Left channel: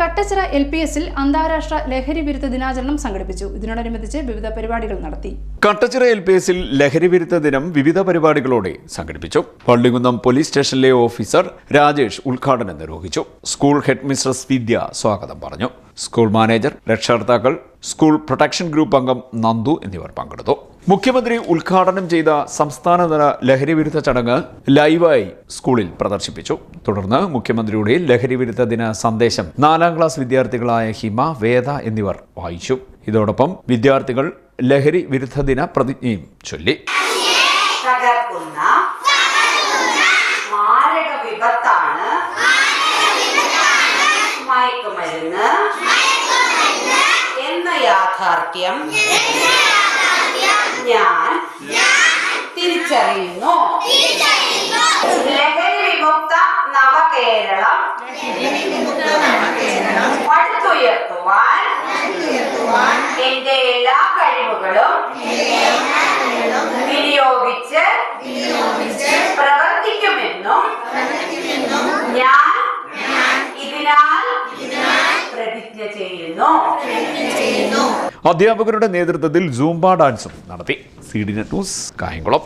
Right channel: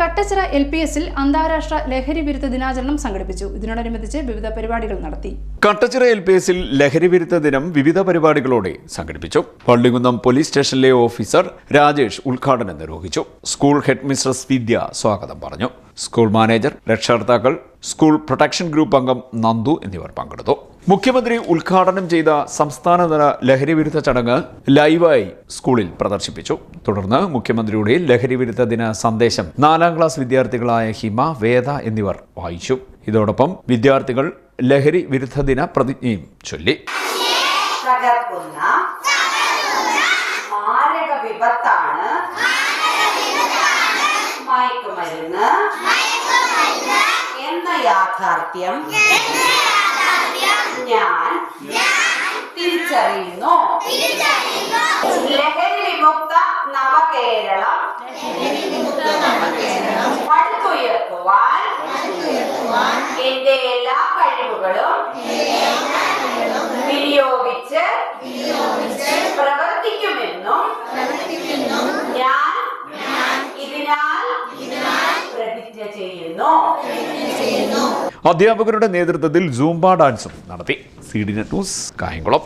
കട്ടച്ചിറ LPSൽ അന്താരാഷ്ട്ര ലഹരി വിരുദ്ധ ദിനാചരണം സംഘടിപ്പിച്ചു. ഇതിനോടനുബന്ധിച്ച് വിവിധ പരിപാടികൾ നടത്തി. കട്ടച്ചിറ LPSൽ ലഹരി വിരുദ്ധ ദിനം വിവിധ പരിപാടികളോടെ സംഘടിപ്പിച്ചു. പള്ളികുന്നം പോലീസ് സ്റ്റേഷനിലെ ഓഫീസർ രാജേഷ് ഉദ്ഘാടനം നിർവഹിച്ചു. സ്കൂൾ ഹെഡ് മിസ്ട്രസ് വിദ്യ സ്വാഗതം പറഞ്ഞു. സ്കൂൾ മാനേജർ, രക്ഷകർത്താക്കൾ, സ്കൂൾ പ്രൊട്ടക്ഷൻ ഗ്രൂപ്പ് അംഗം നന്ദു എന്നിവർ പങ്കെടുത്തു. മുഖ്യമന്ത്രി ഉദ്ഘാടനം ചെയ്ത സംസ്ഥാനതല ലഹരി വിരുദ്ധ ചടങ്ങ് ലൈവായി സ്കൂളിൽ പ്രദർശിപ്പിച്ചു. തുടർന്ന് മുഖ്യമന്ത്രിയുടെ ലഹരി വിരുദ്ധ ദിന സന്ദേശം 4ാം ക്ലാസ് വിദ്യാർത്ഥികളായ ഹിമ, വേദ എന്നിവർ വായിച്ചു. ഇതോടൊപ്പം വിദ്യാർത്ഥികൾ ലഹരി വിരുദ്ധ ദിന പ്രതിജ്ഞയും ചൊല്ലി. യാഥാർത്ഥ്യം ഞാൻ തിരിച്ചറിയുന്നു. ലഹരി വിമുക്ത നവകേരളം പടുത്തുയർത്തുവാൻ എന്റെ എല്ലാ കഴിവുകളും വിനിയോഗിച്ച് പ്രവർത്തിക്കുമെന്നും ഞാൻ ഇതിനാൽ പ്രതിജ്ഞ ചെയ്യുന്നു. അധ്യാപകരുടെ നേതൃത്വത്തിൽ സൂംബ ഡാൻസും നടത്തി. CDNet news, Kayamkulam.